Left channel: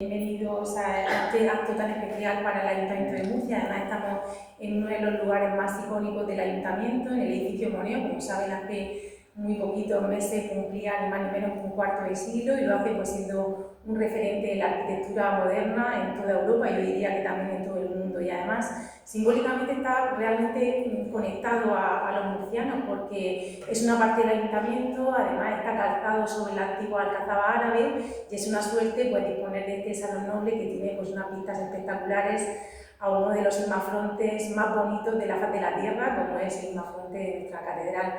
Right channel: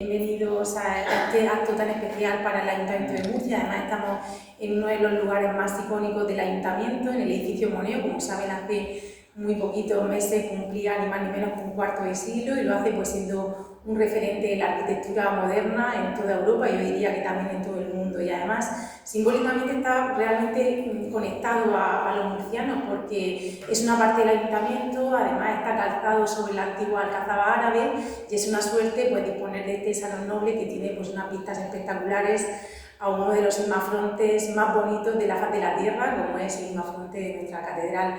Bienvenidos a este acto tan especial para el Ayuntamiento de Murcia. Además, estamos en uno de los lugares más icónicos del Ayuntamiento, en el edificio Moneo. Como saben, hace muy poquitos meses cumplía ni más ni menos que un cuarto de siglo y lo hace pues siendo un referente de la arquitectura moderna en toda Europa y yo diría que también en todo el mundo. Y además, simbólicamente está realmente conectado a los murcianos porque es una parte del Ayuntamiento, además está calzado sobre la antigua alcazaba árabe y es una suerte pues disponer de este salón noble que tiene pues unas vistas espectaculares a uno de los imafrontes más bonitos de la faz de la tierra, como es el imafronte de nuestra catedral.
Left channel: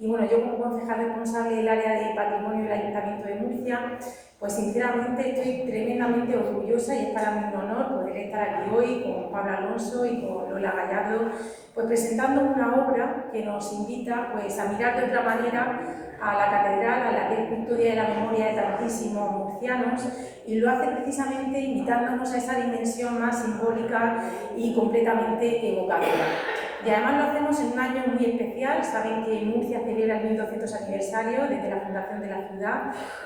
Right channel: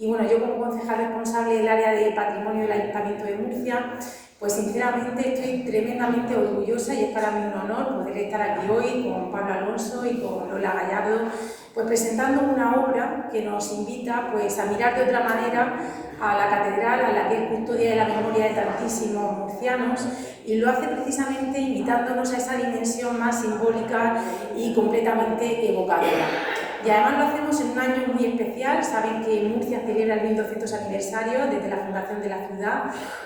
Y bueno, yo como concejal responsable del área de patrimonio del Ayuntamiento de Murcia, pues sinceramente estoy tremendamente orgullosa y es para mí un honor poder estar aquí hoy con Pablo Alonso y con Lola Gallardo, pues presentando una obra que nos invita pues a mirar de otra manera a la catedral, a la que es custodia de la memoria de tantísimos murcianos, y lo hace precisamente invitándonos a esa dimensión más simbólica y completamente evocadora. Y además lo hacemos en un año muy especial. Saben que Murcia celebra el 1200 aniversario desde la fundación de la ciudad.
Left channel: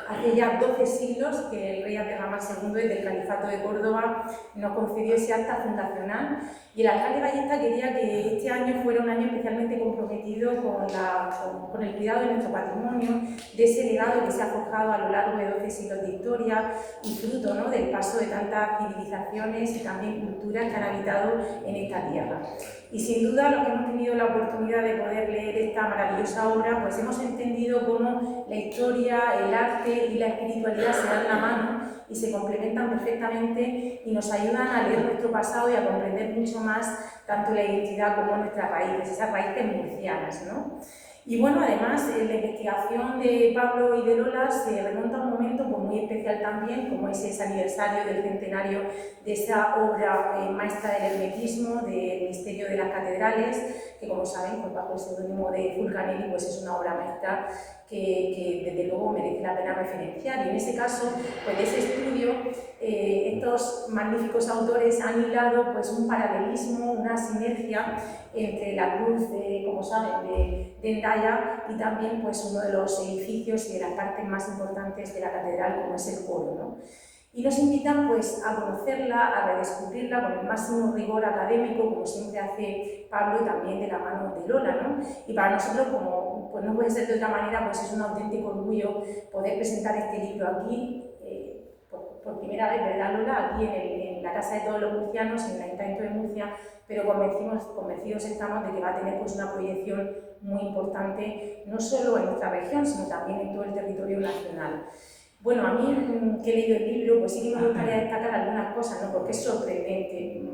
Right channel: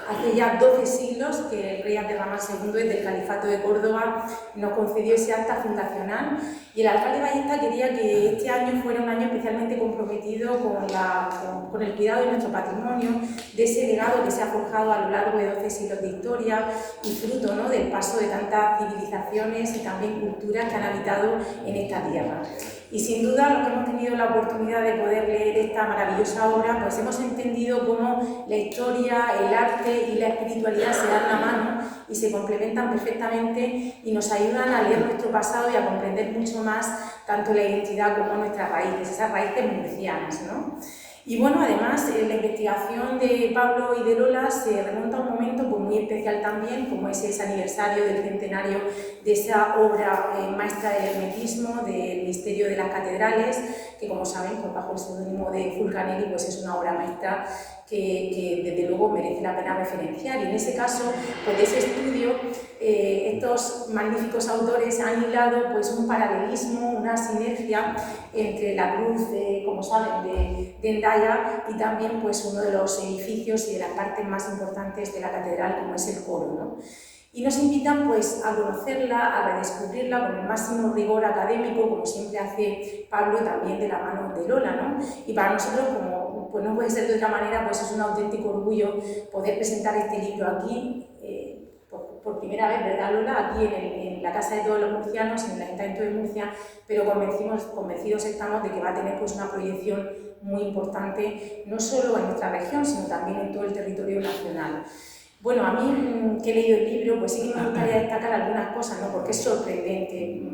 Hace ya 12 siglos que el rey Abderramán II, desde el Califato de Córdoba, nos concedió ese acta fundacional. Y el alcalde Ballesta quería que este año fuera un año especialmente comprometido con el cuidado de nuestro patrimonio, de ese legado que se ha forjado a lo largo de 12 siglos de historia y fruto, ¿no?, del paso de tantas civilizaciones y también culturas que han habitado en esta tierra. Y sin duda, los que hemos tenido la oportunidad de poder leer esta maravillosa obra, pues hemos entendido cómo la historia, el arte y la espiritualidad se dan la mano y se complementan perfectamente y nos ayudan a leer nuestro pasado y a comprender mucho más tanto la identidad como nuestras raíces, esas raíces murcianas, ¿no? Y bueno, además, la investigación de Pablo y de Lola se remonta a un momento pues, muy especial también, como es ese aniversario del centenario de esa obra maestra del hermetismo, del misterio de las catedrales, que como saben, pues, bajo el seudónimo de Fulcanelli, pues es una obra maestra que desde luego merece la pena referenciar. Y en ese caso, pues de ese estudio, estos magníficos autores han hilado pues, un paralelismo, una sinergia entre la cruz, como saben, de Hendaya y también pues, uno de los edificios y de las partes más importantes de la catedral, como es el coro, ¿no? Y nos invitan pues, a conocerla, a redescubrirla con el máximo rigor académico, como siempre hace Pablo, también de la mano de Lola, ¿no? Y para nosotros, como pues no puede ser de otra manera, pues es un auténtico orgullo poder presentar este libro aquí, por primera vez, ¿verdad, Lola? Aquí en la Casa de Todos los Murcianos, en el Ayuntamiento de Murcia, pero convencidos estamos de que va a tener pues, una proyección muy importante, no solo en nuestra región, sino también en todo el territorio nacional. Bueno, a mí, que he leído el libro, pues sí que me gustaría destacar algunas cosas, ¿no? Porque es sorprendente.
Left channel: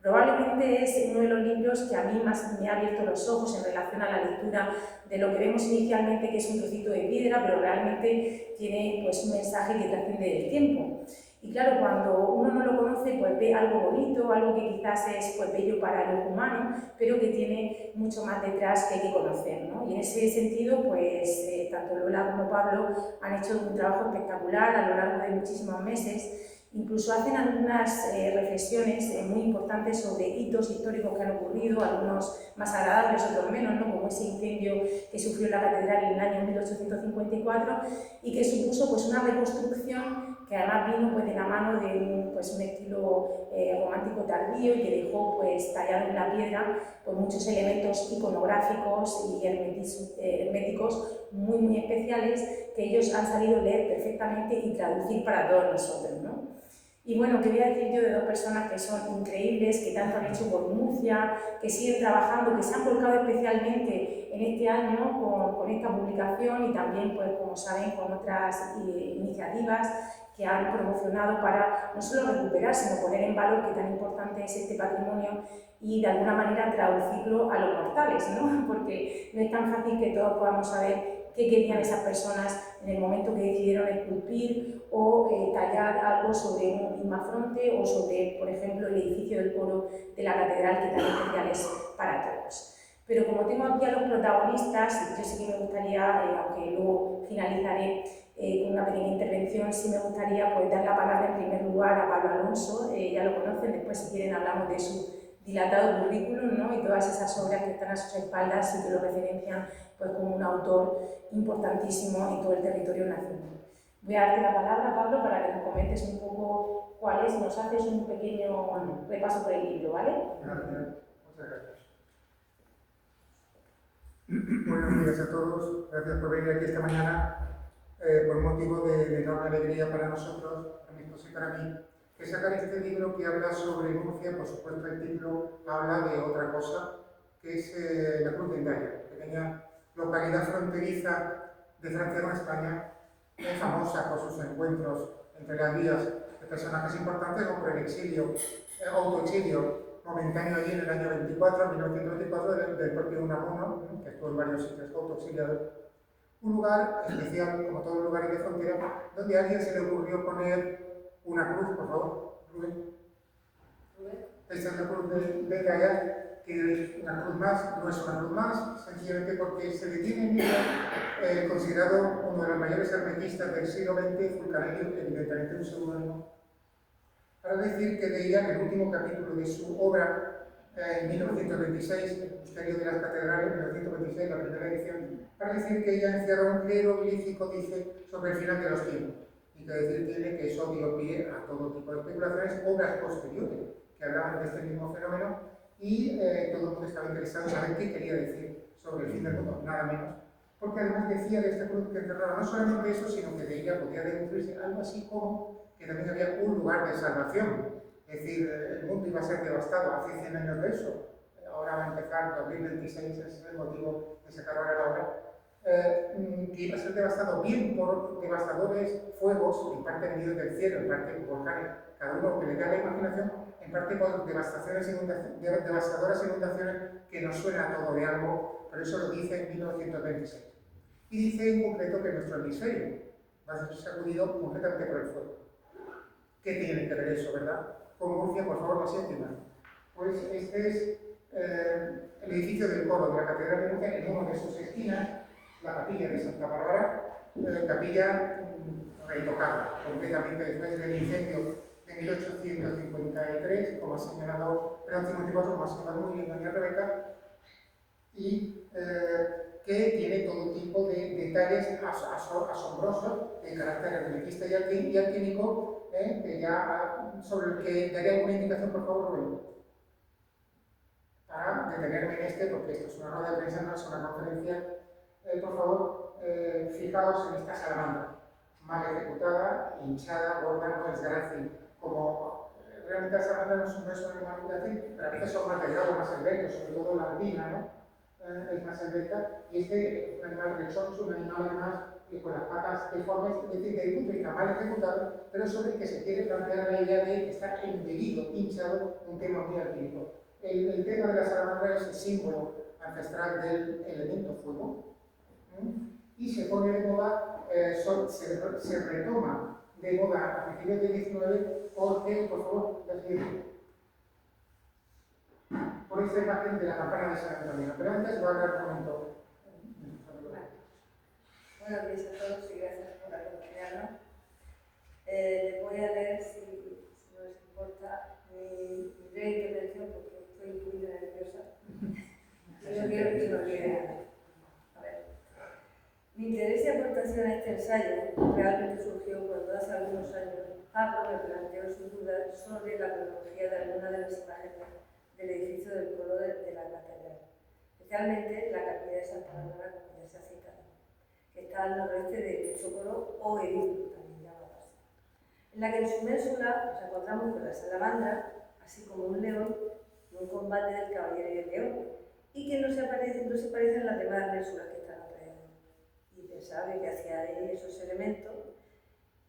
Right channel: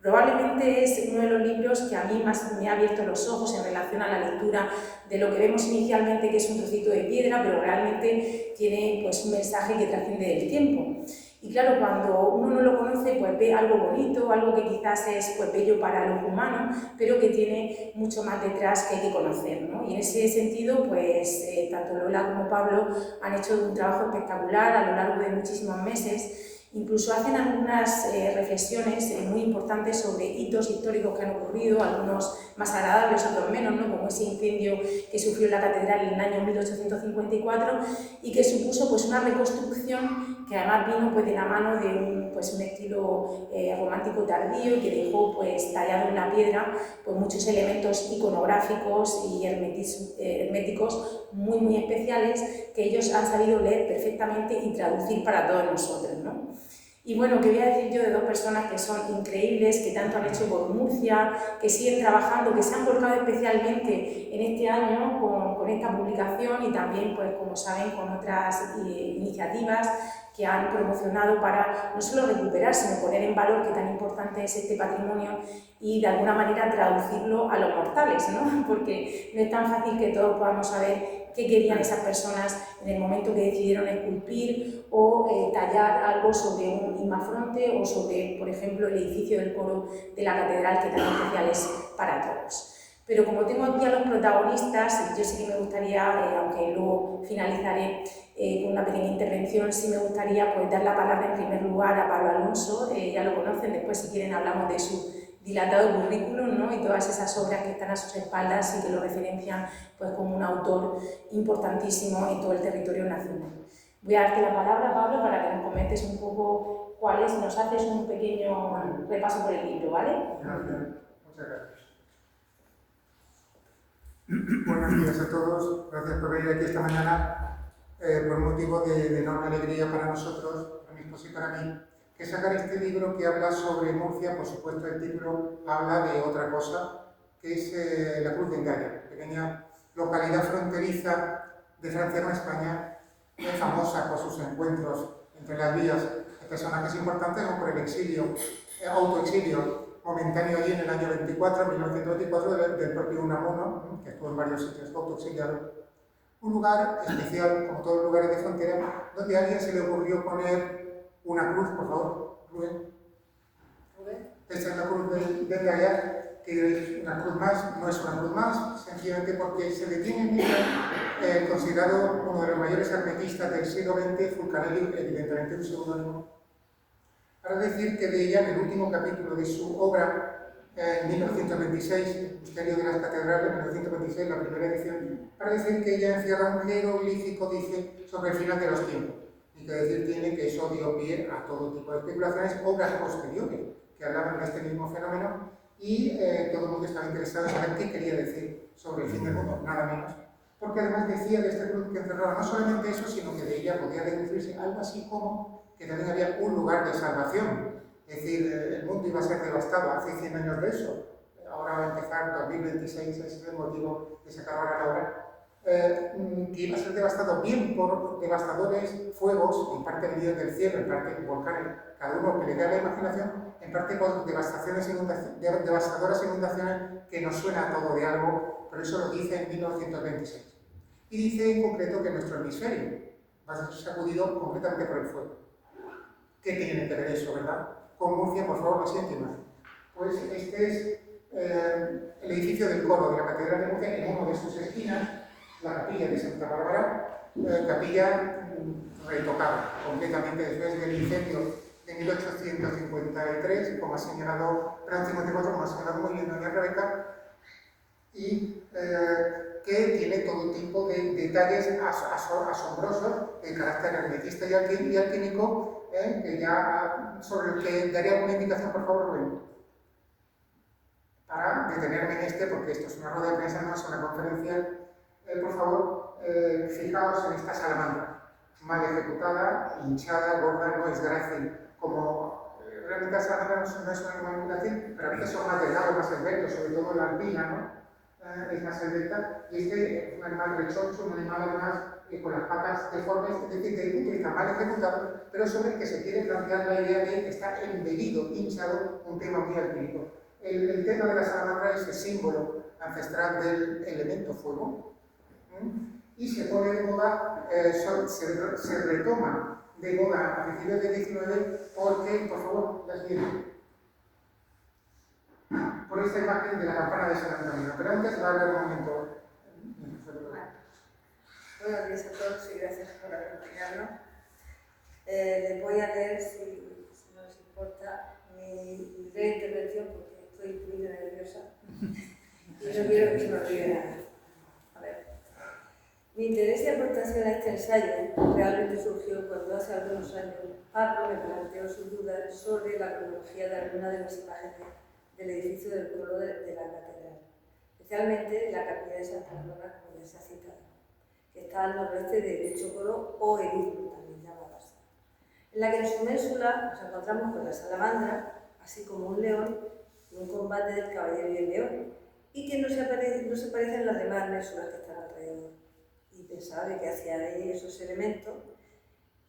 Probablemente es uno de los libros que a mí más me ha abierto los ojos en relación a la lectura de lo que vemos inicialmente, que es un trocito de piedra, pero realmente tiene pues, un mensaje que trasciende del tiempo. Y claro, cuando uno no lo conoce, pues ve algo bonito, algo que quizás es pues, bello para el ojo humano, pero que tiene mucho más detrás que hay que conocer, ¿no? Y en ese sentido, pues tanto Lola como Pablo han hecho un trabajo espectacular a lo largo de muchísimos meses. Incluso hacen algunas reflexiones muy importantes sobre hitos históricos que han ocurrido, algunos más agradables, otros menos, ¿no? Como ese incendio que sufrió la catedral en el año 1854 y que supuso pues, una reconstrucción que además vino pues, de la mano de un estilo romántico tardío y que dejó pues, tallado en la piedra pues, muchos elementos iconográficos y herméticos muy especiales que ellos han sabido leer perfectamente y traducir para todos nosotros, ¿no? Y bueno, ¿qué voy a decir yo de dos personas que son increíbles, que tanto han hecho por Murcia, que siguen trabajando, que se han volcado especialmente en este año con esta publicación y también, pues como saben, con otras iniciativas que han promocionado para no solo recuperar, sino poner en valor qué tan importante es este patrimonio y de alguna manera traducirlo a los mortales, ¿no? Porque no es tan fácil que todos podamos saber qué querían esas personas en el momento que decidieron esculpir o tallar algo sobre un imafronte o sobre, por ejemplo, el edificio del coro de la catedral, que tan especial es para todos. Pero como tengo aquí a los protagonistas, yo sí que me gustaría, aunque luego finalizaré con una pequeña intervención, sí me gustaría pues, dar la palabra en primer lugar a Pablo Alonso, ya lo conocen, después si quieren hablamos de su dilatado currículum, ¿no? Y todas esas obras que están a sus espaldas y que lo referencian pues, como un autor importantísimo en todo el territorio nacional. Voy a darte la palabra, Pablo, para que nos comentes un poco cuál es, nos haces un pequeño repaso por el libro, ¿vale? Gracias, muchas gracias. Buenos días a todos, gracias por venir aquí esta mañana, por motivo de enorme alegría para nosotros, para mi esposo y para mí, que sacar este libro que habla sobre Murcia. Por supuesto, el título habla de otra cosa, que es la Cruz de Endaya, pequeña localidad fronteriza de Francia con España, muy famosa por sus encuentros entre las vías de personajes importantes o por el exilio, autoexilio momentáneo allí en el año 24, 1924, del propio Unamuno, que estuvo en varios sitios autoexiliado. Un lugar especial, como todos los lugares de frontera, donde a alguien se le ocurrió poner una cruz, por favor, Rubén. Esta es la cruz de Endaya, que es una cruz más, no es una cruz más, sencillamente porque se le tiene en ella considerado uno de los mayores hermetistas del siglo XX, Fulcanelli, evidentemente un seudónimo, para decir que de ella, en el último capítulo de su obra, en 1926, El misterio de las catedrales, 1926, la primera edición, para decir que ella encierra un jeroglífico, dice, sobre el final de los tiempos. Y que decir tiene que eso dio pie a todo tipo de especulaciones, obras posteriores, que hablaban de este mismo fenómeno, y todo el mundo estaba interesado en saber qué quería decir sobre el fin del mundo, nada menos. Porque además decía de esta cruz que encerraba no solamente eso, sino que de ella podía deducirse algo así como que también había un lugar de salvación. Es decir, el mundo iba a ser devastado hace 100 años de eso. Ahora va a empezar 2026, ese es el motivo de sacar ahora la obra. Que iba a ser devastado bien por devastadores fuegos, en parte venidos del cielo, en parte volcanes, cada uno que le dé la imaginación, en parte por devastadoras inundaciones que nos suena todo de algo, pero eso lo dice en 1926. Y dice en concreto que nuestro hemisferio va a ser sacudido completamente por el fuego. ¿Qué tiene que ver eso, verdad? Con Murcia, por favor, la siguiente imagen. Pues este es el edificio del coro de la Catedral de Murcia, en una de sus esquinas, la capilla de Santa Bárbara, capilla retocada completamente después del incendio de 1853, como ha señalado Francisco Montecuatro, como ha señalado muy bien doña Rebeca, y que tiene todo tipo de detalles asombrosos de carácter hermetista y alquímico, que ya, sobre el que daría alguna indicación, por favor, Rubén, para detenerme en este, porque esto es una rueda de prensa, no es una conferencia. Por favor, fijaos en esta salamandra, mal ejecutada, hinchada, gorda, no es grácil, como realmente la salamandra no es una animal grácil, pero a veces son más delgados, más esbeltos, sobre todo la albina, ¿no? Es más esbelta, y este es un animal rechoncho, un animal además con las patas deformes, es decir, de punto de vista mal ejecutado, pero sobre el que se quiere plantear la idea de que está embellido, hinchado, un tema muy alquímico. El tema de la salamandra es el símbolo ancestral del elemento fuego, y se pone de moda, se retoma de moda a principios del 19 porque, por favor, la siguiente, por esta imagen de la campana de San Antonio. Pero antes va a haber un momento. Buenos días a todos y gracias por acompañarnos. Les voy a leer, si no les importa, mi breve intervención porque estoy muy nerviosa y no quiero que se me olvide nada. A ver. Mi interés y aportación a este ensayo realmente surgió cuando hace algunos años Pablo me planteó sus dudas sobre la cronología de algunas de las imágenes del edificio del coro de la catedral, especialmente la capilla de Santa Bárbara, como ya se ha citado, que está al noroeste de dicho coro o edículo, también llamado así, en la que en su ménsula nos encontramos con la salamandra, así como un león y un combate del caballero y el león, y que no se parecen a las demás ménsulas que están alrededor. Y pensaba que hacía ahí esos elementos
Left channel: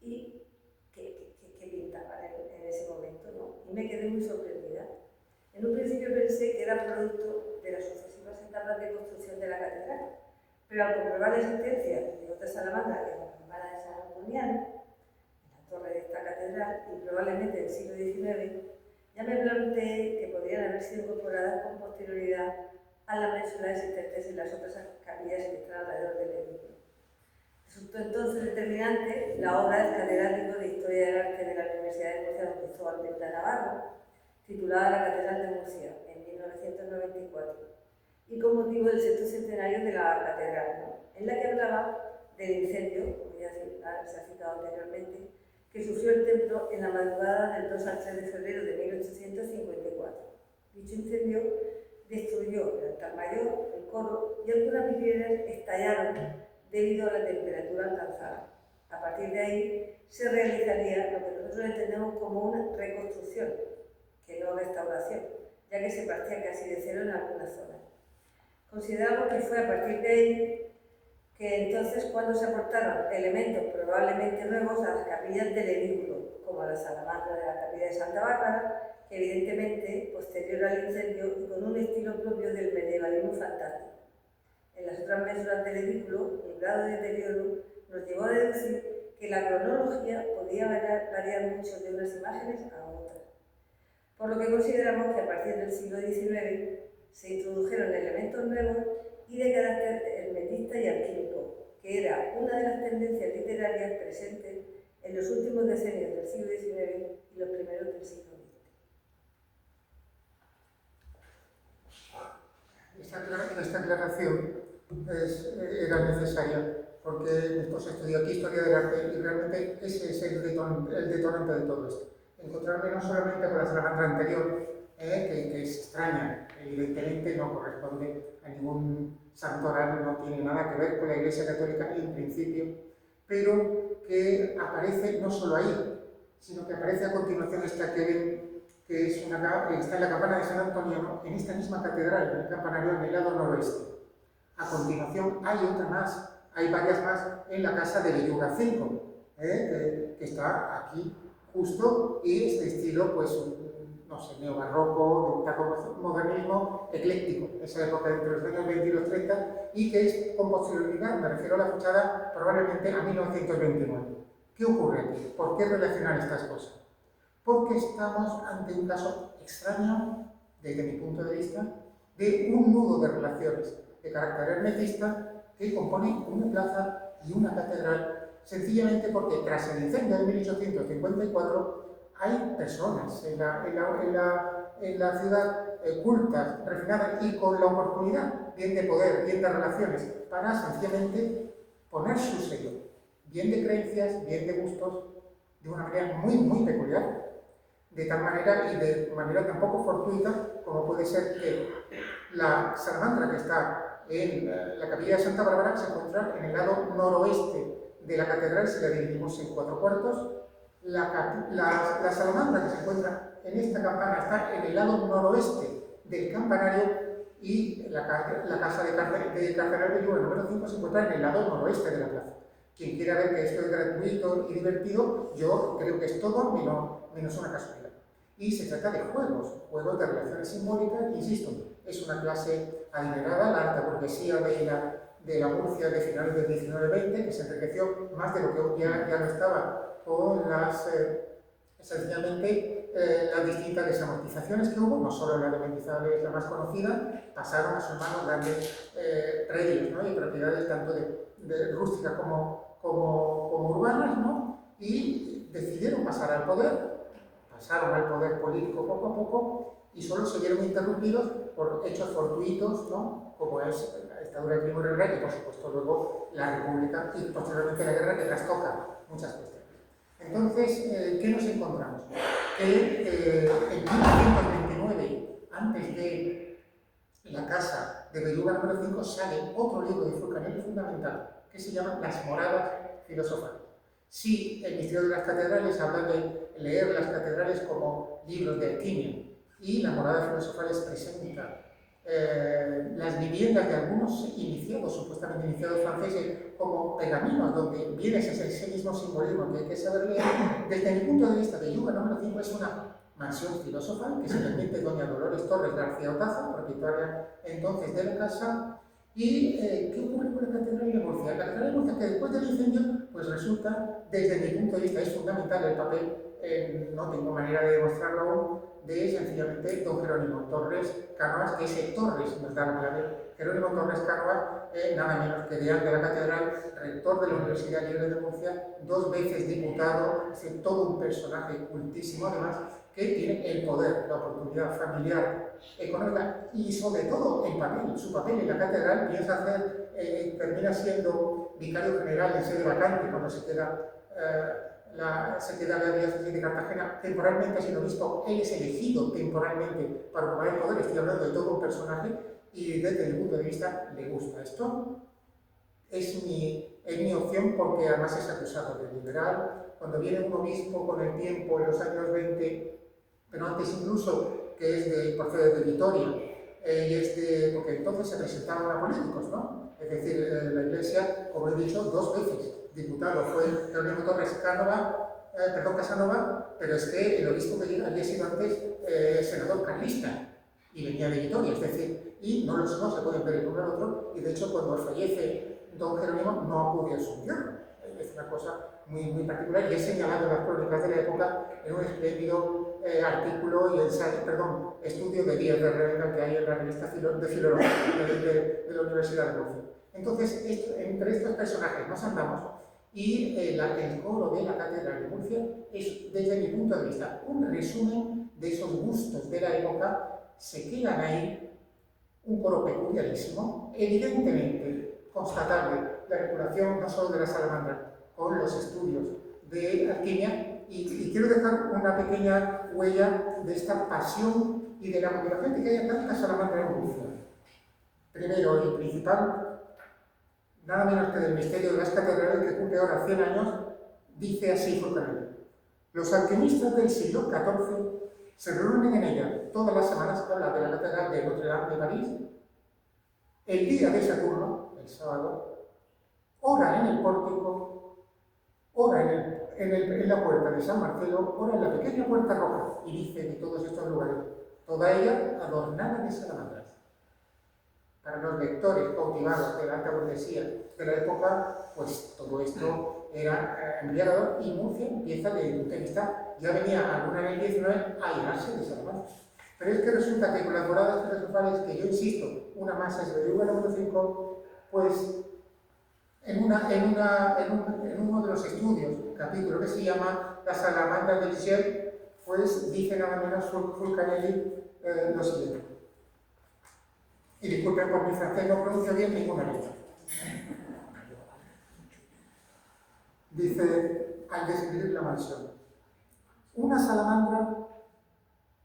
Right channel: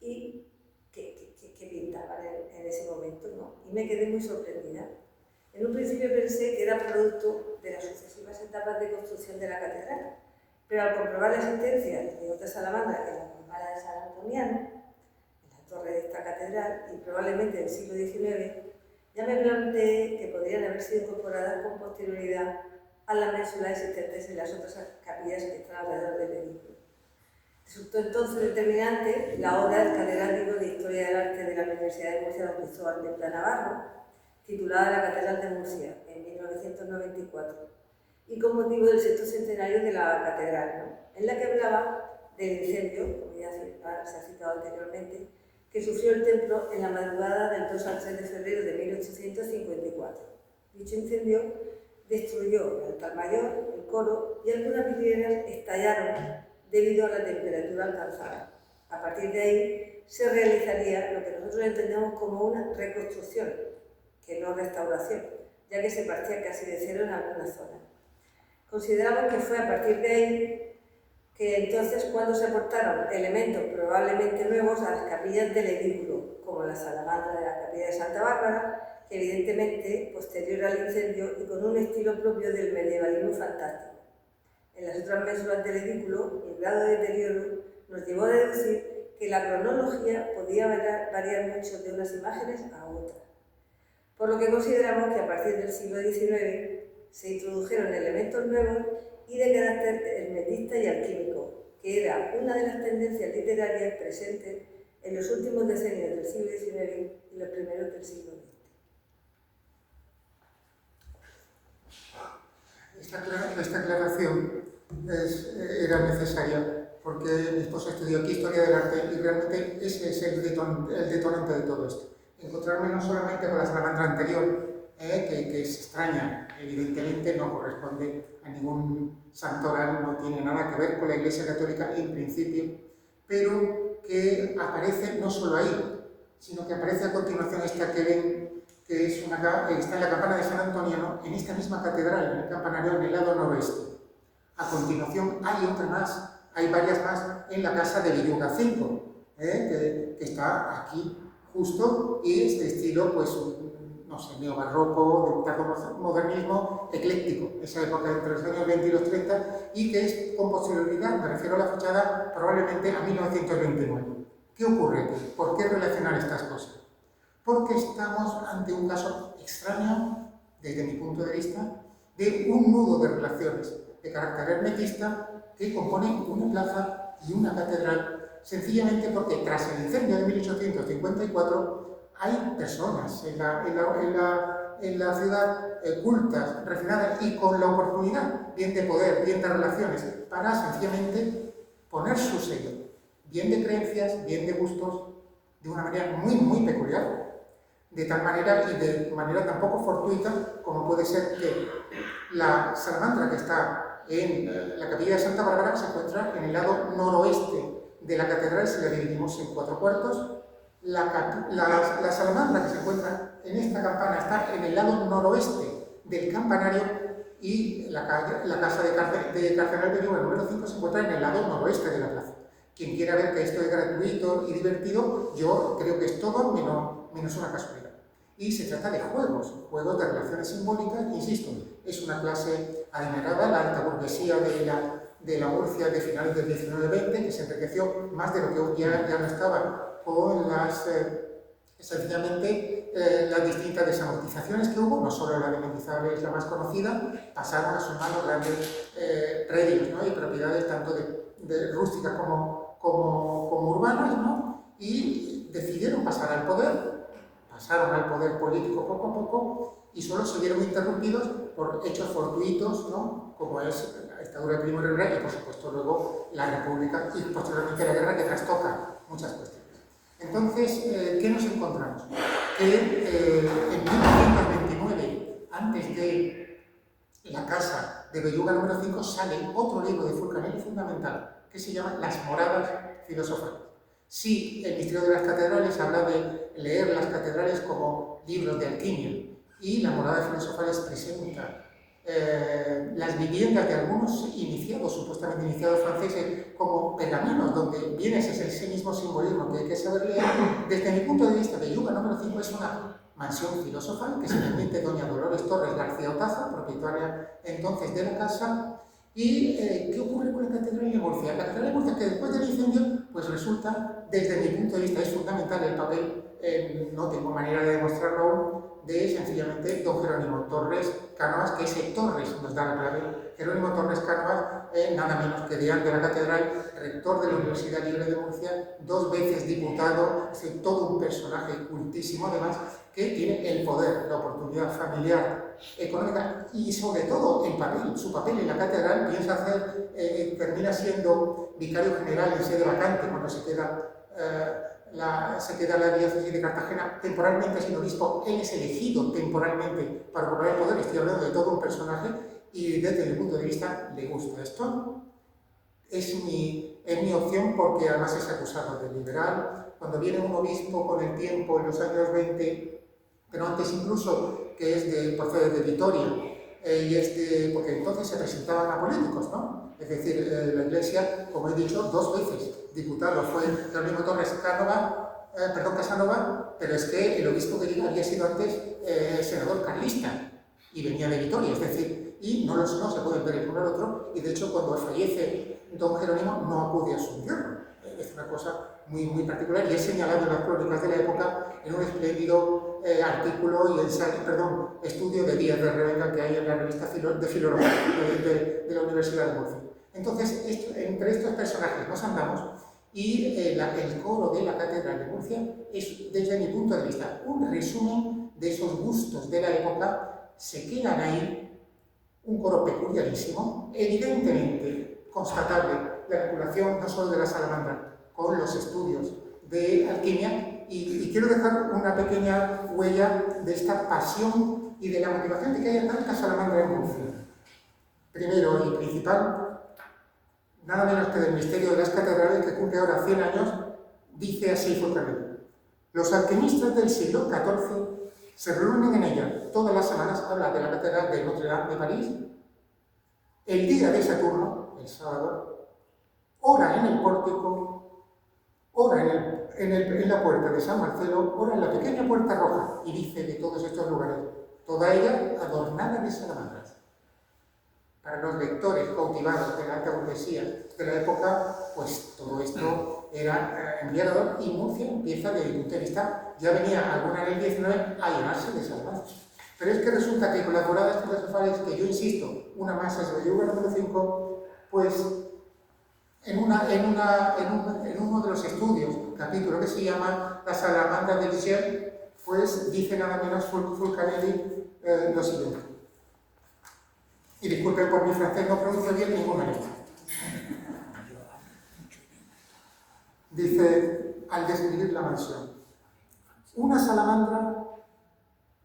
y que pintaban en ese momento, ¿no? Y me quedé muy sorprendida. En un principio pensé que era producto de las sucesivas etapas de construcción de la catedral, pero al comprobar la existencia de otra salamandra, que es la campana de San Antoniano, en la torre de esta catedral, y probablemente del siglo XIX, ya me planteé que podrían haber sido incorporadas con posterioridad a las ménsulas existentes en las otras capillas que están alrededor del edificio. Resultó entonces determinante la obra del catedrático de Historia del Arte de la Universidad de Murcia, don Cristóbal de Navarro, titulada La Catedral de Murcia, en 1994, y con motivo del sexto centenario de la catedral, ¿no? En la que hablaba del incendio, como ya se ha citado anteriormente, que sufrió el templo en la madrugada del 2 al 3 de febrero de 1854. Dicho incendio destruyó el altar mayor, el coro y algunas vidrieras estallaron debido a la temperatura alcanzada. A partir de ahí se realizaría lo que nosotros entendemos como una reconstrucción, que no restauración, ya que se partía casi de cero en algunas zonas. Consideramos que fue a partir de ahí que entonces cuando se aportaron elementos probablemente nuevos a las capillas del edículo, como la salamandra de la capilla de Santa Bárbara, que evidentemente posterior al incendio y con un estilo propio del medievalismo fantástico. En las otras mésulas del edículo, el grado de deterioro nos llevó a deducir que la cronología podía variar mucho de unas imágenes a otras, por lo que consideramos que a partir del siglo XIX se introdujeron elementos nuevos y de carácter hermetista y alquímico, que era una de las tendencias literarias presentes en los últimos decenios del siglo XIX y los primeros del siglo XX. Esta aclaración era necesaria porque mi esposo estudió aquí Historia del Arte y realmente ese es el detonante de todo esto. Encontrarme no solamente con la salamandra anterior, que es extraña, evidentemente no corresponde a ningún santoral, no tiene nada que ver con la Iglesia Católica en principio, pero que aparece no solo ahí, sino que aparece a continuación esta que ven, que está en la campana de San Antonio, en esta misma catedral, en el campanario en el lado noroeste. A continuación hay otra más, hay varias más en la casa de Villuga 5, que está aquí justo y es de estilo, pues, no sé, neobarroco, de modernismo ecléctico, esa época entre los años 20 y los 30, y que es con posterioridad, me refiero a la fachada, probablemente a 1929. ¿Qué ocurre? ¿Por qué relacionar estas cosas? Porque estamos ante un caso extraño, desde mi punto de vista, de un nudo de relaciones de carácter hermetista que componen una plaza y una catedral, sencillamente porque tras el incendio de 1854 hay personas en la ciudad cultas, refinadas y con la oportunidad, bien de poder, bien de relaciones, para sencillamente poner su sello, bien de creencias, bien de gustos, de una manera muy, muy peculiar. De tal manera y de manera tan poco fortuita como puede ser que la salamandra que está en la capilla de Santa Bárbara se encuentra en el lado noroeste de la catedral, si la dividimos en 4 cuartos. La salamandra que se encuentra en esta campana está en el lado noroeste del campanario y la casa de Cardenal Belluga número 5 se encuentra en el lado noroeste de la plaza. Quien quiera ver que esto es gratuito y divertido, yo creo que es todo menos una casualidad. Y se trata de juegos de relaciones simbólicas, insisto, es una clase adinerada, la alta burguesía de la Murcia de finales del 19-20, que se enriqueció más de lo que ya no estaba con sencillamente las distintas desamortizaciones que hubo, no solo la de Mendizábal es la más conocida, pasaron a sus manos grandes predios, ¿no? Y propiedades tanto de rústicas como urbanas, ¿no? Y decidieron pasar al poder, pasaron al poder político poco a poco y solo se vieron interrumpidos por hechos fortuitos, ¿no? Como es la dictadura de Primo de Rivera y por supuesto luego la República y posteriormente la guerra que trastoca muchas cuestiones. Entonces, ¿qué nos encontramos? Que en 1929, antes de la casa de Belluga número 5, sale otro libro de Fulcanelli fundamental que se llama Las moradas filosofales. Sí, el Misterio de las Catedrales habla de leer las catedrales como libros de alquimia y la morada filosofal presenta las viviendas de algunos iniciados, supuestamente iniciados franceses, como pergaminos, donde viene ese mismo simbolismo que hay que saber leer. Desde mi punto de vista, Belluga número 5 es una mansión filosofal que se permite doña Dolores Torres García Otaza, propietaria entonces de la casa. ¿Y qué ocurre con la Catedral de Murcia? La Catedral de Murcia, que después del incendio, pues resulta, desde mi punto de vista, es fundamental el papel, no tengo manera de demostrarlo aún, de sencillamente don Jerónimo Torres Cánovas, que ese Torres nos da la clave. Jerónimo Torres Cánovas, nada menos que deán de la Catedral, rector de la Universidad Libre de Murcia, 2 veces diputado, es todo un personaje cultísimo además, que tiene el poder, la oportunidad familiar, económica y sobre todo el papel, su papel en la catedral termina siendo vicario general en sede vacante cuando se queda la diócesis de Cartagena temporalmente sin obispo. Él es elegido temporalmente para ocupar el poder. Estoy hablando de todo un personaje y desde mi punto de vista le gusta esto. Es mi opción porque además es acusado de liberal. Cuando viene un obispo con el tiempo en los años 20, pero antes incluso, que procede de Vitoria, porque entonces se presentaban a políticos, ¿no? Es decir, la Iglesia, como he dicho, 2 veces diputado fue Jerónimo Torres Casanova, pero es que el obispo que había sido antes senador carlista y venía de Vitoria, es decir, y no se pueden ver el uno al otro, y de hecho cuando fallece don Jerónimo no acude a su entierro. Es una cosa muy, muy particular y es señalado en las crónicas de la época en un espléndido artículo y estudio de Díaz de Revenga que hay en la revista de Filología de la Universidad de Murcia. Entonces, entre estos personajes nos andamos y el coro de la Catedral de Murcia es, desde mi punto de vista, un resumen de esos gustos de la época. Se quedan ahí, un coro peculiarísimo, evidentemente constatable la regulación no solo de la salamandra, con los estudios de alquimia, y quiero dejar una pequeña huella de esta pasión y de la motivación de que haya tanta salamandra en Murcia. Primero y principal, nada menos que del misterio de las catedrales, que cumple ahora 100 años, dice así Forcadell: los alquimistas del siglo XIV se reúnen en ella todas las semanas, habla de la catedral de Notre Dame de París, el día de Saturno, el sábado, ora en el pórtico, ora en la puerta de San Marcelo, ora en la pequeña puerta roja, y dice de todos estos lugares, toda ella adornada de salamandras. Para los lectores cautivados de la alta burguesía de la época, pues todo esto era enviado, y Murcia empieza, desde el punto de vista, ya venía alguna en el 19 a llenarse de salamandras. Pero es que resulta que con las moradas filosofales, que yo insisto, una más es el lugar número 5, pues en uno de los estudios, capítulo que se llama La salamandra del Ciel, pues dice nada menos Fulcanelli lo siguiente. Y disculpen por mi francés, no pronuncio bien ninguna letra. Dice, al describir la mansión, una salamandra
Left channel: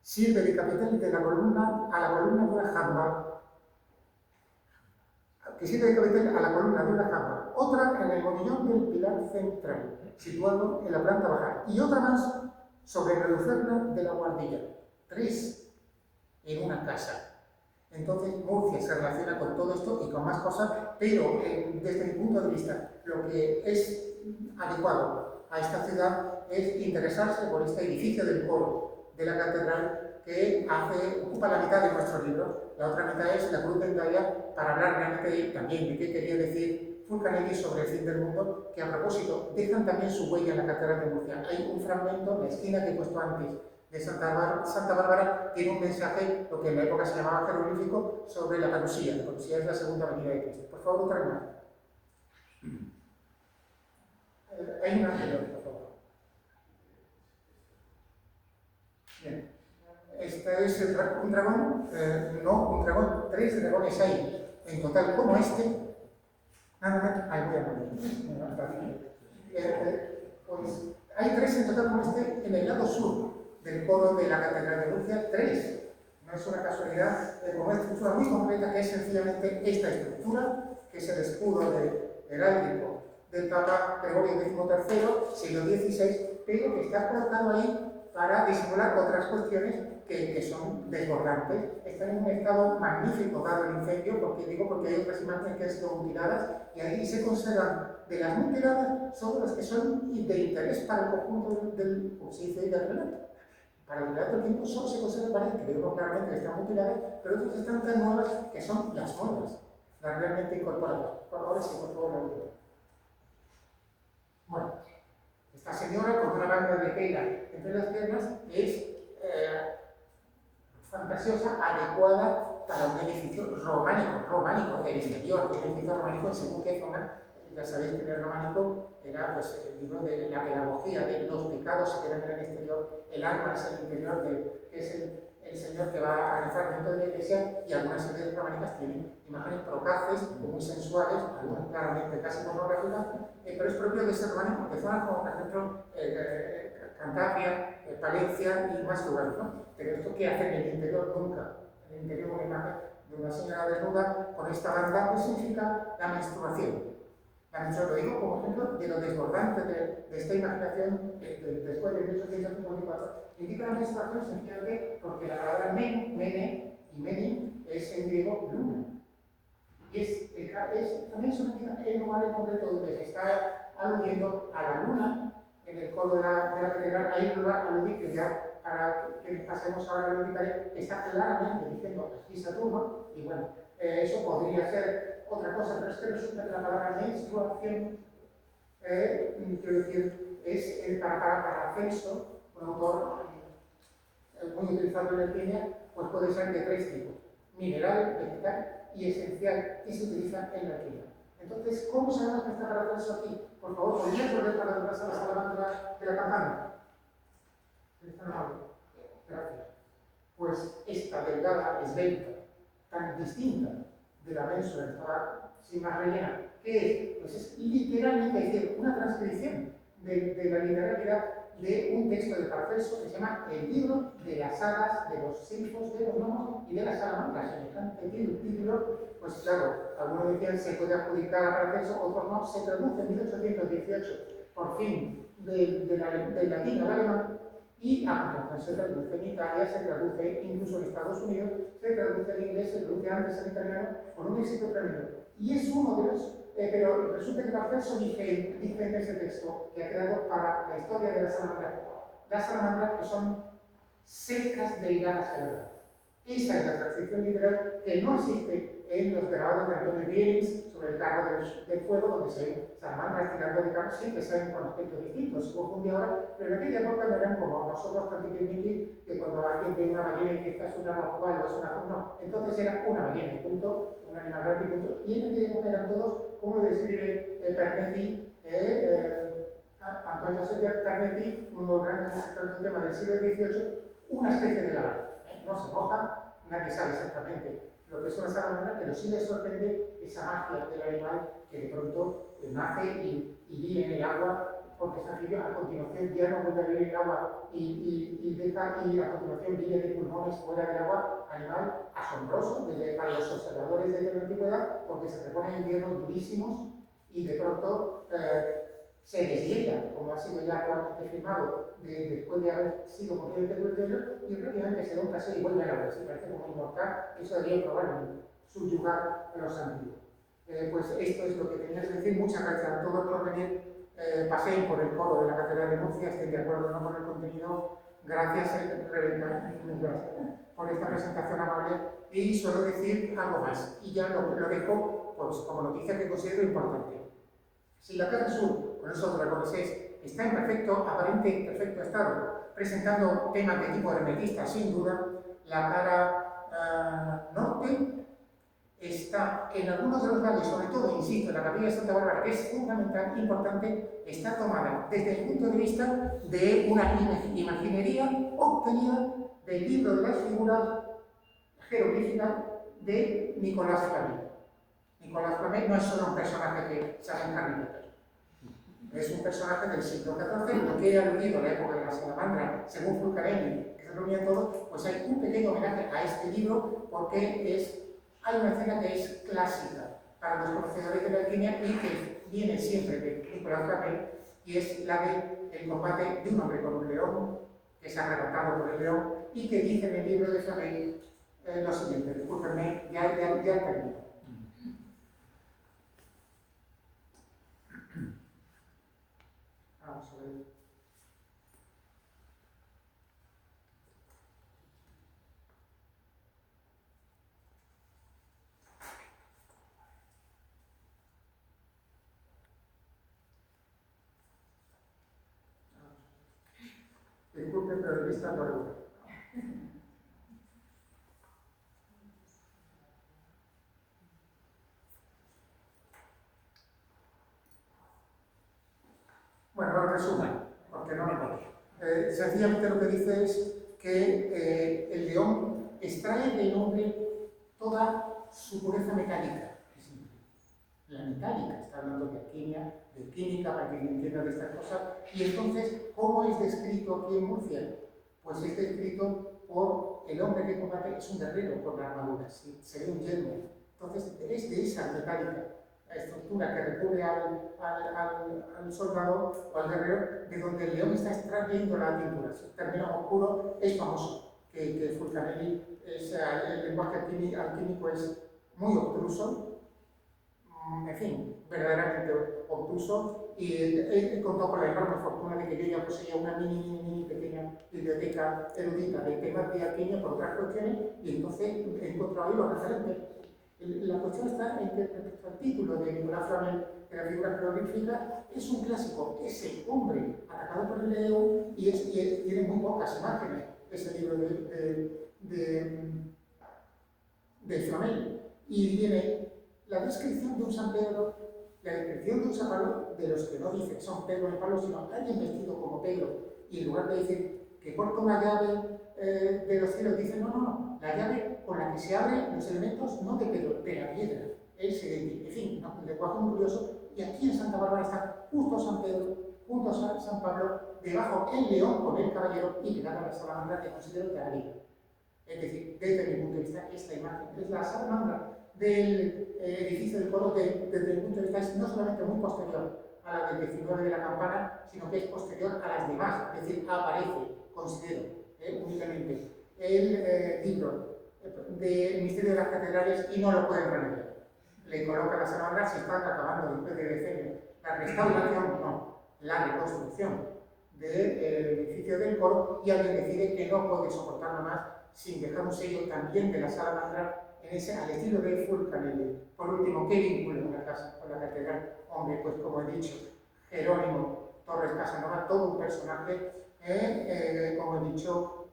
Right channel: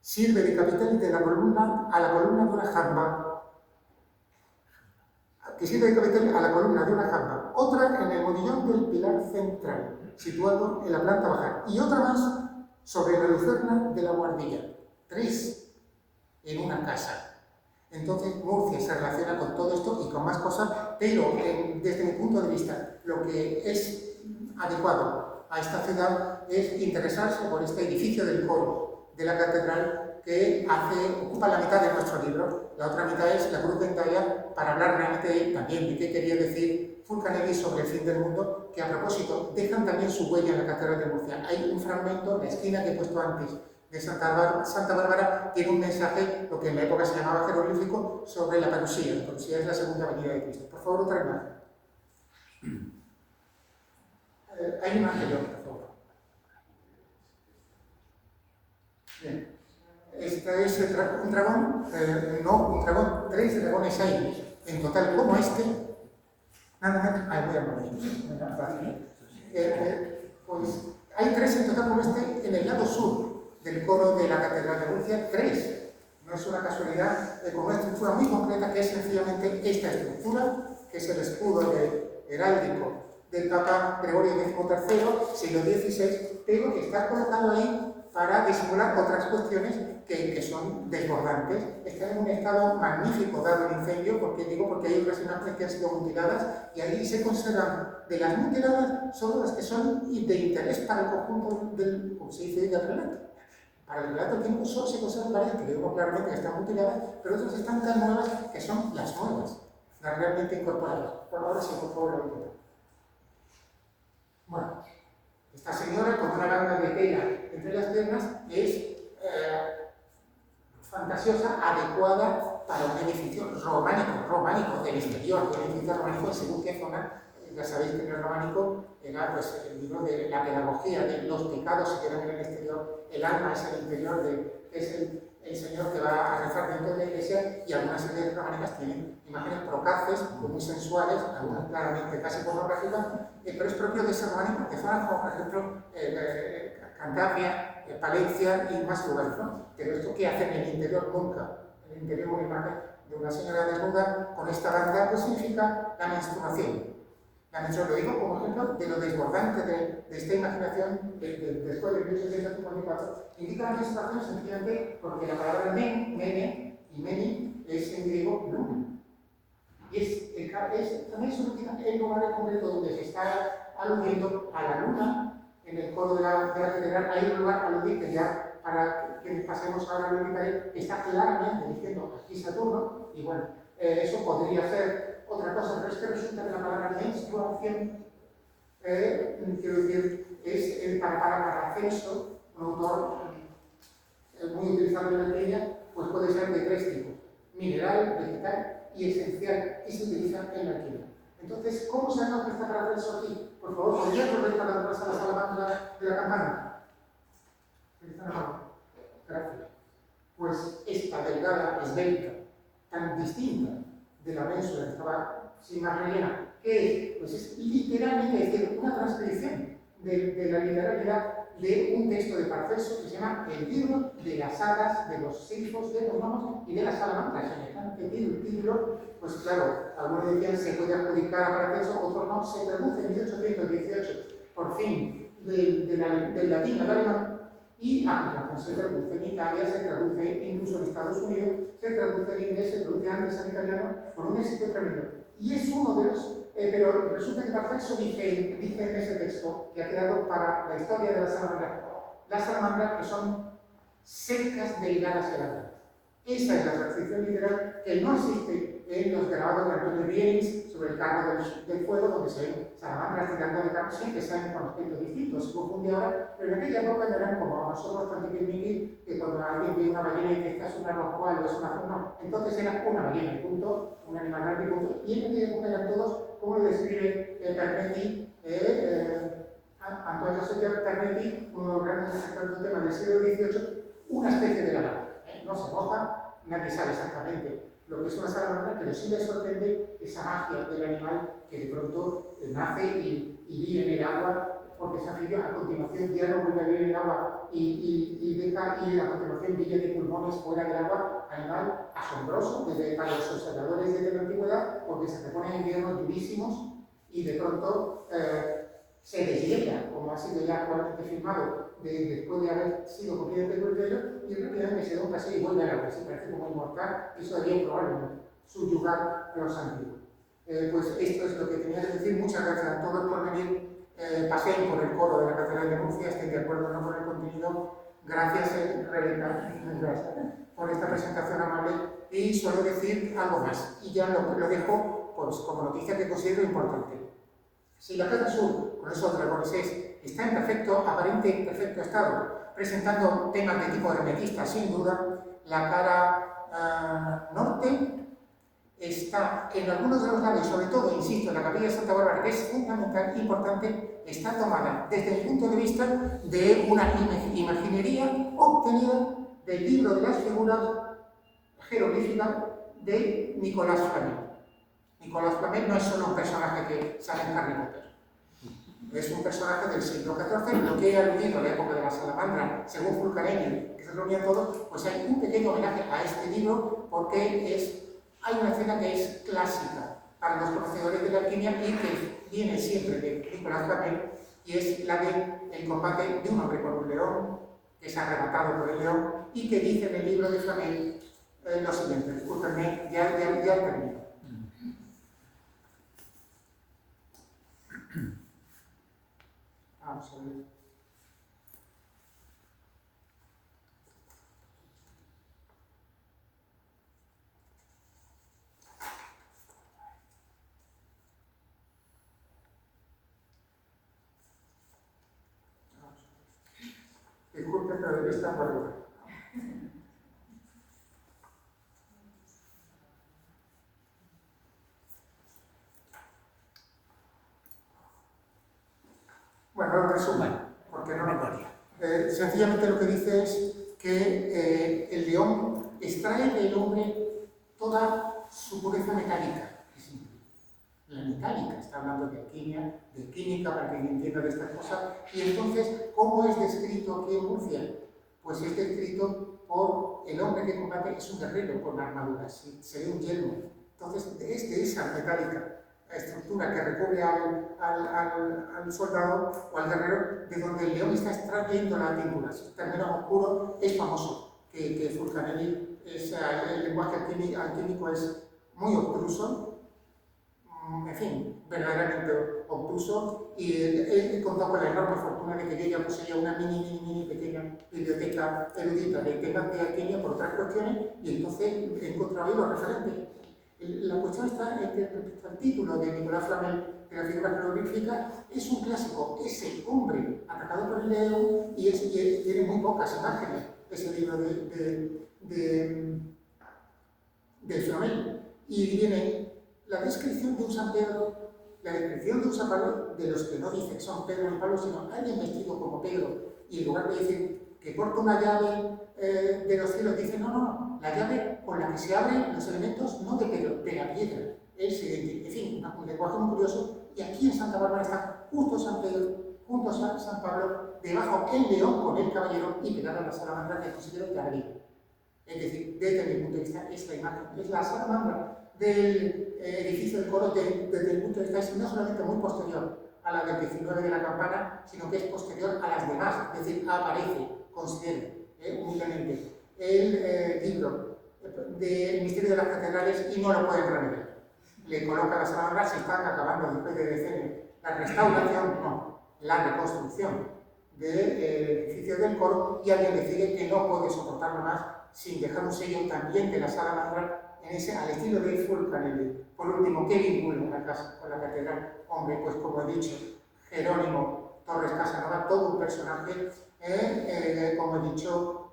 sirve de capitel de la columna a la columna de una jamba, que sirve de capitel a la columna de una jamba, otra en el modillón del pilar central, situado en la planta baja, y otra más sobre la lucerna de la guardilla. 3 en una casa. Entonces Murcia se relaciona con todo esto y con más cosas, pero desde mi punto de vista, lo que es adecuado a esta ciudad es interesarse por este edificio del coro de la catedral, que ocupa la mitad de nuestro libro. La otra mitad es la cruz de Endaya, para hablar realmente también de qué quería decir Fulcanelli sobre el fin del mundo, que a propósito dejan también su huella en la catedral de Murcia. Hay un fragmento, la esquina que he puesto antes, de Santa Bárbara, tiene un mensaje, lo que en la época se llamaba jeroglífico, sobre la parusía. La parusía es la segunda venida de Cristo. Por favor, otra imagen. Hay una anterior, por favor. Bien. Este es un dragón, un dragón, 3 dragones hay en total como este. Nada más, voy a morir. Pues hay 3 en total como este en el lado sur del coro de la Catedral de Murcia, 3. No es una casualidad, con una estructura muy concreta, que es sencillamente esta estructura, que es el escudo heráldico del Papa Gregorio XIII, siglo XVI, pero que está colocado ahí para disimular otras cuestiones que son desbordantes. Está en un estado magnífico dado el incendio, porque hay otras imágenes que han sido mutiladas, y ahí se conservan, de las mutiladas, solo las que son de interés para el conjunto del, como se dice, del relato. Para el relato que solo se conservan varias, que vemos claramente que están mutiladas, pero otras están tan nuevas que son las nuevas, las realmente incorporadas. Por ahora sí, por favor, lo entiendo. Bueno, esta señora con una banda de tela entre las piernas es fantasiosa, adecuada para un edificio románico del exterior, un edificio románico en según qué zona. Ya sabéis que en el románico era pues, el libro de la pedagogía, de los pecados se quedan en el exterior, el alma es el interior, que es el señor que va a rezar dentro de la iglesia, y algunas iglesias románicas tienen imágenes procaces, muy sensuales, algunas claramente casi pornográficas, pero es propio de ese románico que zonas como, por ejemplo, Cantabria, Palencia y más lugares, ¿no? Pero esto que hace en el interior nunca. En el interior una imagen de una señora desnuda con esta banda, pues significa la menstruación. Lo digo como ejemplo de lo desbordante de esta imaginación después de 1854. Indica la menstruación sencillamente porque la palabra mene y meni es en griego luna. Y también significa el lugar en concreto donde se está aludiendo a la luna. En el coro de la catedral hay un lugar aludido que ya, para que pasemos ahora a lo que está claramente diciendo aquí Saturno, y bueno, eso podría ser otra cosa, pero es que resulta que la palabra menstruación, quiero decir, es para Celso, un autor muy utilizado en la Kenia, pues puede ser de tres tipos: mineral, vegetal y esencial, y se utiliza en la Kenia. Entonces, ¿cómo sabemos que está para Celso aquí? Por favor, ¿podría volver para atrás a la salamandra de la campana? Gracias. Pues esta delgada, esbelta, tan distinta de la ménsula que estaba sin más rellena, ¿qué es? Pues es literalmente, es decir, una transcripción de la literalidad de un texto de Paracelso que se llama El libro de las hadas, de los silfos, de los gnomos y de las salamandras. Semejante título, pues claro, algunos decían se puede adjudicar a Paracelso, otros no. Se traduce en 1818, por fin, del latín al alemán, y a continuación se traduce en Italia, se traduce incluso en Estados Unidos, se traduce en inglés, se traduce antes en italiano, con un éxito tremendo. Y es uno de los, pero resulta que Paracelso dice en ese texto, que ha quedado para la historia de las salamandras que son secas, delgadas y alargadas. Esa es la transcripción literal que no existe en los grabados de Antonio Bierins sobre el carro del fuego, donde se ven salamandras tirando de carro, siempre salen con aspectos distintos. Se confunde ahora, pero en aquella época no eran como nosotros tan tiquismiquis, que cuando alguien ve una ballena y que esta es una roscual o es una... No, entonces era una ballena, y punto, un animal grande, y punto. Y en aquella época eran todos, como lo describe Pernetti, Antonio Soter Pernetti, uno de los grandes escritores del tema del siglo XVIII, una especie de lagarto. No se moja, nadie sabe exactamente lo que es una salamandra, pero sí le sorprende esa magia del animal que de pronto nace y vive en el agua, porque es anfibio. A continuación ya no vuelve a vivir en el agua y a continuación vive de pulmones fuera del agua. Animal asombroso para los observadores de la antigüedad, porque se repone en inviernos durísimos y de pronto se deshiela, como ha sido ya actualmente firmado, después de haber sido completamente culpado, y rápidamente se da un paseo y vuelve al agua. Se parece como inmortal, eso daría probablemente subyugar a los antiguos. Pues esto es lo que tenía que decir. Muchas gracias a todos por venir. Paseen por el coro de la Catedral de Murcia, estén de acuerdo o no con el contenido. Gracias, Rebeca, por esta presentación amable. Y solo decir algo más, y ya lo dejo pues, como noticia que considero importante. Si la cara sur, con esos dragones está en perfecto estado, presentando temas de tipo hermetista, sin duda, la cara norte está en algunos de los lados, sobre todo, insisto, en la capilla de Santa Bárbara, que es fundamental, importante, está tomada desde el punto de vista de una imaginería obtenida del libro de las figuras jeroglíficas de Nicolás Flamel. Nicolás Flamel no es solo un personaje que sale en Harry Potter. Es un personaje del siglo XIV, lo que he aludido a la época de la salamandra, según Fulcanelli, que se reunían todos, pues hay un pequeño homenaje a este libro, porque hay una escena que es clásica para los conocedores de la alquimia y que viene siempre de Nicolás Flamel, y es la del combate de un hombre con un león, que es arrebatado por el león, y que dice en el libro de Flamel lo siguiente. Discúlpenme, ya termino. Vamos a ver. Disculpen, pero de vista por lugar. Bueno, lo resumo, porque no me acuerdo. Sencillamente lo que dice es que el león extrae del hombre toda su pureza metálica. La metálica, está hablando de alquimia, de química, para que entienda de estas cosas. Y entonces, ¿cómo es descrito aquí en Murcia? Pues es descrito por el hombre que combate, es un guerrero con armaduras, ¿sí? Se ve un yelmo. Entonces, es de esa metálica estructura que recubre al soldado o al guerrero, de donde el león está extrayendo la tintura. Si término oscuro es famoso, que Fulcanelli, el lenguaje alquímico es muy obtuso, en fin, verdaderamente obtuso, y he contado con la enorme fortuna de que yo ya poseía una mini pequeña biblioteca erudita de temas de alquimia por otras cuestiones, y entonces he encontrado ahí los referentes. La cuestión está en que respecto al título de Nicolás Flamel de la figura jeroglífica, es un clásico, es el hombre atacado por el león, y tiene muy pocas imágenes ese libro de Flamel, y viene la descripción de un San Pedro, la descripción de un San Pablo, de los que no dicen son Pedro y Pablo, sino alguien vestido como Pedro, y en lugar de decir que corta una llave de los cielos, dice no, la llave con la que se abren los elementos, no de Pedro, de la piedra. Él se identifica, en fin, un lenguaje muy curioso, y aquí en Santa Bárbara está justo San Pedro, junto a San Pablo, debajo el león con el caballero y pegada en la salamandra que considero que agrega. Es decir, desde mi punto de vista, es la imagen, es la salamandra del edificio del coro desde el punto de vista es no solamente muy posterior a la del 19 de la campana, sino que es posterior a las demás, es decir, aparece, considero, únicamente, el libro del Misterio de las Catedrales y no lo pueden remediar. Le coloca la salamandra, se están acabando después de decenios. La restauración, no, la reconstrucción del edificio del coro, y alguien decide que no puede soportarlo más sin dejar un sello también de la salamandra al estilo de Fulcanelli. Por último, ¿qué vínculo una casa con la catedral? Hombre, pues como he dicho, Jerónimo Torres Casanova, todo un personaje, como he dicho,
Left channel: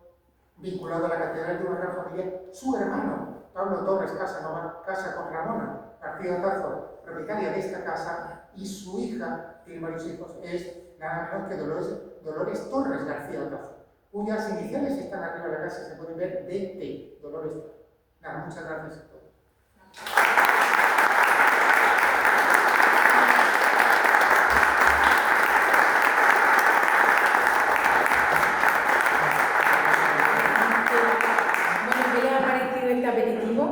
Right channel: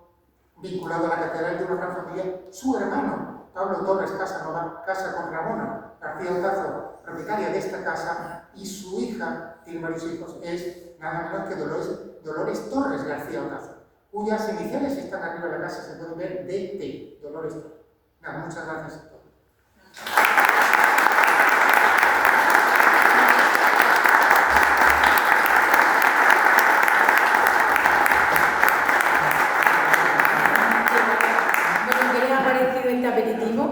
vinculado a la catedral de una gran familia. Su hermano, Pablo Torres Casanova, casa con Ramona García Otazo, propietaria de esta casa, y su hija, tiene varios hijos, es nada menos que Dolores Torres García Otazo, cuyas iniciales están arriba de la casa, se pueden ver DT, Dolores Torres. Nada, muchas gracias a todos. Bueno, ¿qué les ha parecido este aperitivo?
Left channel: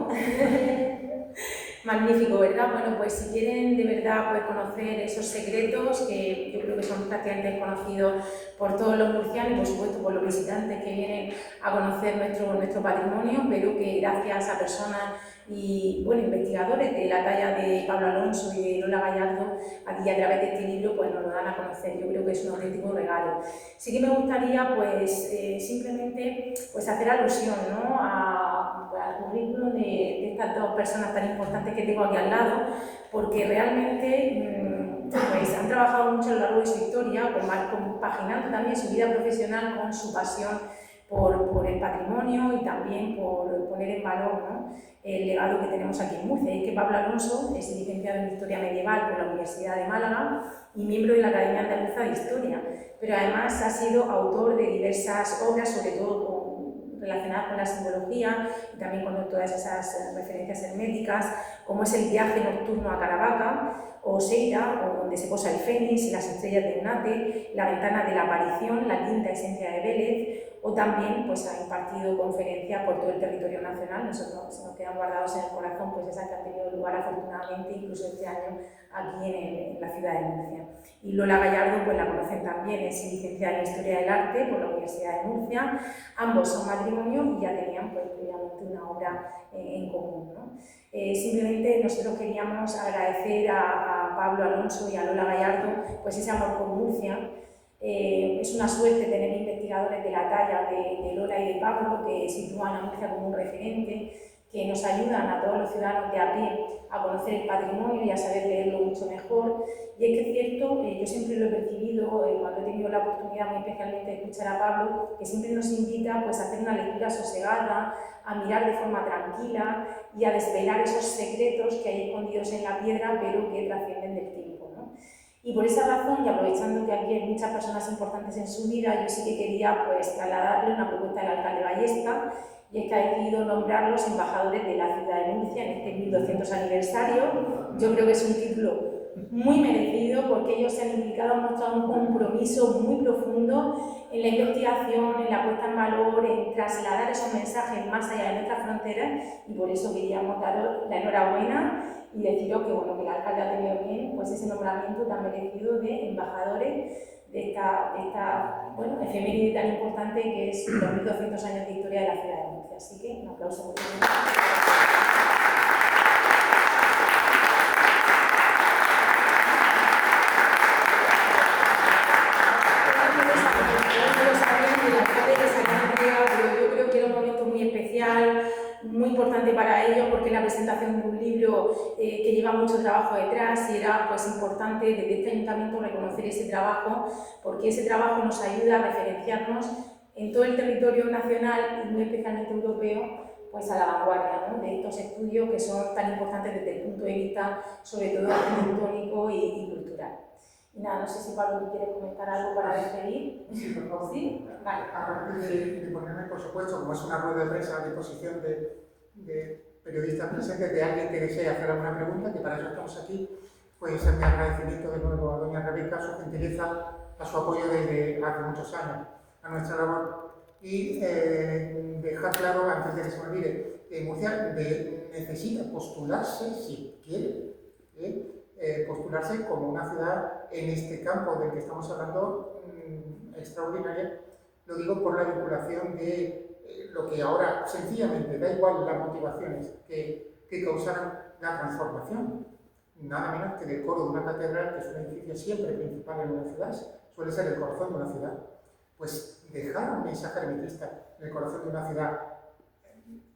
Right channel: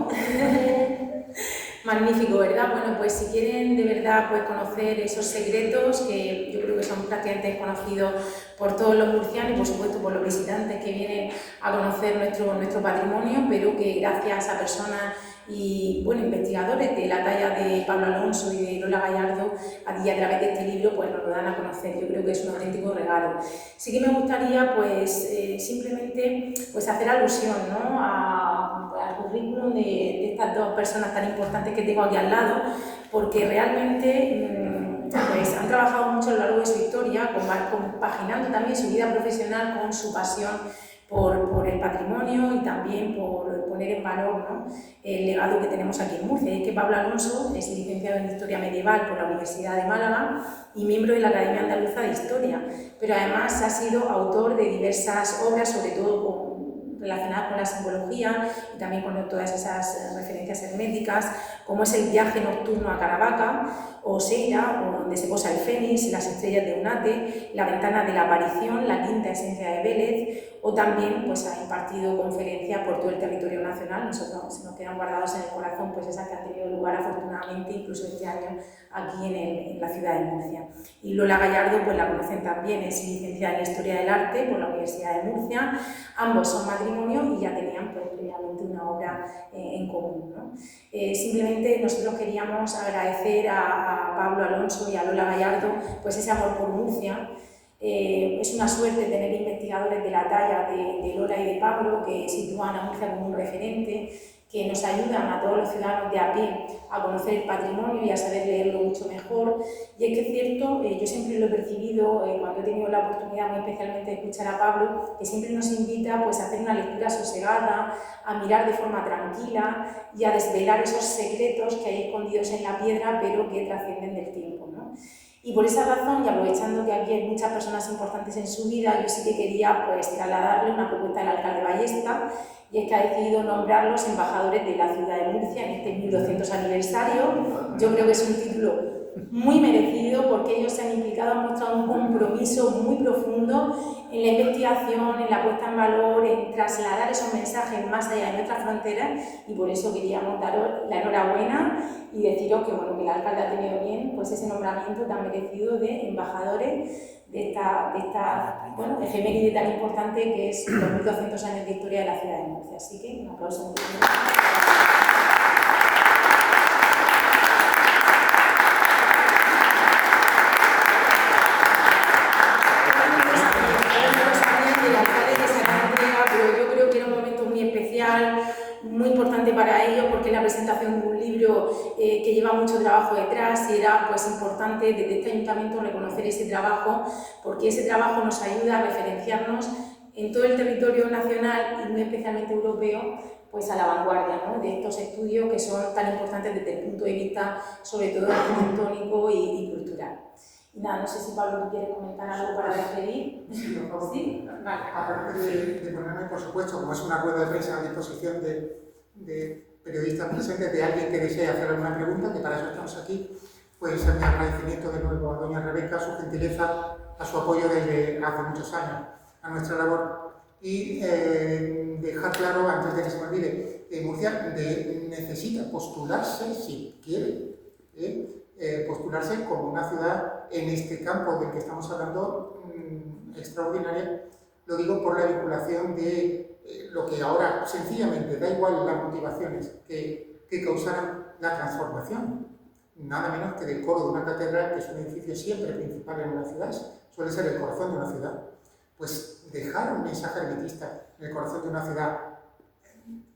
Magnífico, ¿verdad? Bueno, pues si quieren de verdad pues, conocer esos secretos que yo creo que son prácticamente desconocidos por todos los murcianos y por supuesto por los visitantes que vienen a conocer nuestro patrimonio, pero que gracias a personas y bueno, investigadores de la talla de Pablo Alonso y de Lola Gallardo, a través de este libro pues, nos lo dan a conocer. Yo creo que es un auténtico regalo. Sí que me gustaría pues, simplemente pues, hacer alusión, ¿no? al currículum de estas dos personas tan importantes que tengo aquí al lado, porque realmente pues, han trabajado mucho a lo largo de su historia, compaginando también su vida profesional con su pasión por el patrimonio y también por poner en valor, ¿no? El legado que tenemos aquí en Murcia. Es que Pablo Alonso es licenciado en Historia Medieval por la Universidad de Málaga y miembro de la Academia Andaluza de Historia, pero además ha sido autor de diversas obras, sobre todo relacionadas con la simbología y también con todas esas referencias herméticas, como es el Viaje nocturno a Caravaca, o Seira, donde se posa el Fénix, Las estrellas de Unate, La ventana de la aparición, La quinta esencia de Vélez, o también pues, ha impartido conferencias por todo el territorio nacional. Nosotros se nos quedan guardados en el corazón pues, esas que han tenido lugar afortunadamente incluso este año aquí en la ciudad de Murcia. Y Lola Gallardo pues, la conocen también, es licenciada en Historia del Arte por la Universidad de Murcia. Ambos son matrimonio y ya tenían pues, previamente una obra en común, ¿no? Simplemente nosotros queríamos agradecer a Pablo Alonso y a Lola Gallardo pues, ese amor por Murcia. Es una suerte tener investigadores de la talla de Lola y de Pablo que sitúan a Murcia como un referente, que nos ayudan a todos los ciudadanos de a pie a conocer el patrimonio y a saber leerlo mucho mejor. Y es que es cierto, yo siempre lo he percibido cuando he tenido la oportunidad muy especialmente de escuchar a Pablo, que siempre nos invita pues, a hacer una lectura sosegada, a mirar de forma tranquila y a desvelar esos secretos que hay escondidos en la piedra pero que trascienden del tiempo, ¿no? Y por esa razón, y aprovechando que aquí hay muchas personas importantes en su vida, yo sí que quería pues trasladarle una propuesta al alcalde Ballesta, y es que ha decidido nombrarlos embajadores de la ciudad de Murcia en este 1200 aniversario. Yo creo que es un título muy merecido porque ellos se han implicado, han mostrado un compromiso muy profundo en la investigación, en la puesta en valor, en trasladar esos mensajes más allá de nuestras fronteras, y por eso queríamos daros la enhorabuena y deciros que, bueno, que el alcalde ha tenido bien pues ese nombramiento tan merecido de embajadores de esta bueno, efeméride tan importante que es los 1200 años de historia de la ciudad de Murcia. Así que un aplauso muy fuerte. Muy importante para ellos porque es la presentación de un libro que lleva mucho trabajo detrás, y era pues importante desde este ayuntamiento reconocer ese trabajo, porque ese trabajo nos ayuda a referenciarnos en todo el territorio nacional y muy especialmente europeo, pues a la vanguardia, ¿no?, de estos estudios que son tan importantes desde el punto de vista sobre todo arquitectónico y cultural. Y nada, no sé si Pablo, ¿tú quieres comentar algo para despedir? Sí, por favor. ¿Sí? Vale. Aparte de ponerme, por supuesto, como es una rueda de prensa a disposición de periodistas presentes, de alguien que desee hacer alguna pregunta, que para eso estamos aquí, pues mi agradecimiento de nuevo a doña Rebeca, su gentileza, a su apoyo desde hace muchos años a nuestra labor, y dejar claro, antes de que se me olvide, que Murcia necesita postularse, si quiere, postularse como una ciudad en este campo del que estamos hablando extraordinaria. Lo digo por la vinculación de lo que ahora sencillamente da igual las motivaciones que causaran la transformación, nada menos que del coro de una catedral, que es un edificio siempre principal en una ciudad, suele ser el corazón de una ciudad. Pues dejar un mensaje hermetista en el corazón de una ciudad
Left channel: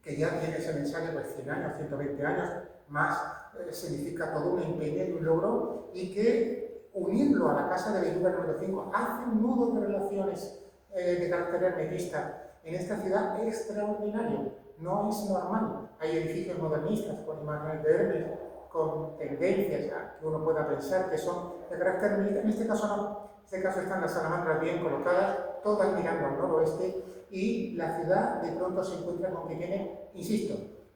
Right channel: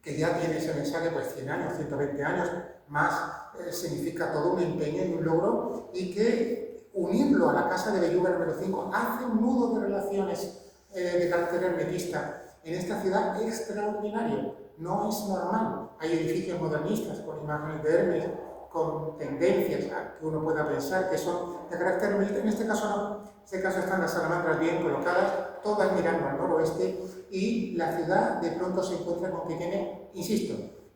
que ya tiene ese mensaje pues 100 años, 120 años más, significa todo un empeño y un logro, y que unirlo a la Casa de Belluga número 5 hace un nudo de relaciones de carácter hermetista en esta ciudad extraordinario. No es normal. Hay edificios modernistas con imágenes de Hermes, con tendencias que uno pueda pensar que son de carácter hermetista. En este caso no. En este caso están las salamandras bien colocadas, todas mirando al noroeste, y la ciudad de pronto se encuentra con que tiene, insisto,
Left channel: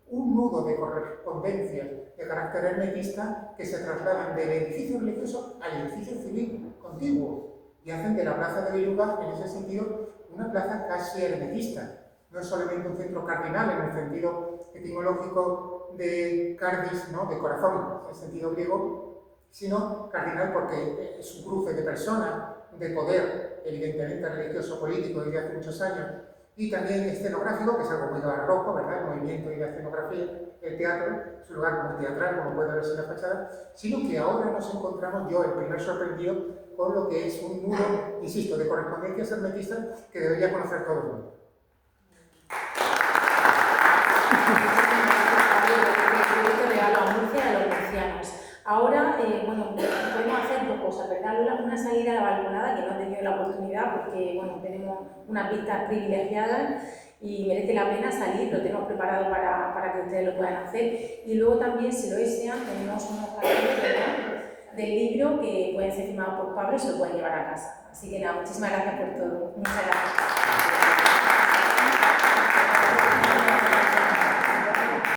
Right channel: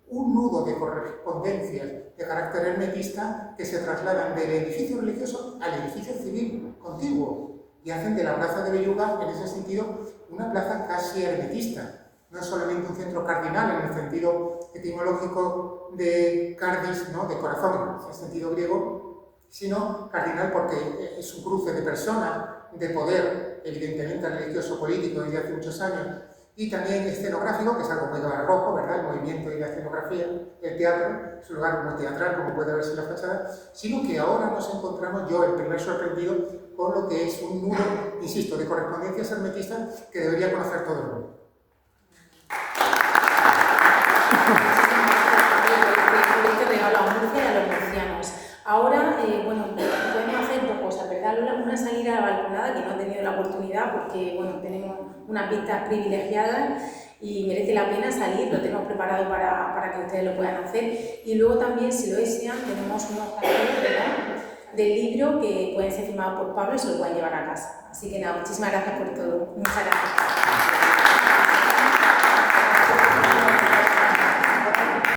un nudo de correspondencias de carácter hermetista que se trasladan del edificio religioso al edificio civil contiguo y hacen de la plaza de Belluga, en ese sentido, una plaza casi hermetista. No es solamente un centro cardinal en el sentido etimológico de cardis, ¿no?, de corazón, en el sentido griego, sino cardinal porque es un cruce de personas, de poder, evidentemente religioso, político desde hace muchos años, y también escenográfico, que es algo muy barroco, ¿verdad?, el movimiento y la escenografía, el teatro, es un lugar muy teatral, como puede verse en la fachada, sino que ahora nos encontramos, yo el primer sorprendido, con lo que es un nudo, insisto, de correspondencias hermetistas que debería conocer todo el mundo. Ahora, bueno, podemos hacer dos cosas, ¿verdad? Una salida a la balconada, que no ha tenido la oportunidad porque, bueno, tenemos unas vistas privilegiadas y merece la pena salir, lo tenemos preparado para que ustedes lo puedan hacer. Y luego también, si lo desean, tenemos unos carteles del libro que pueden ser firmados por Pablo y se lo pueden llevar a casa. Así que nada, muchísimas gracias por todo. Muchas gracias.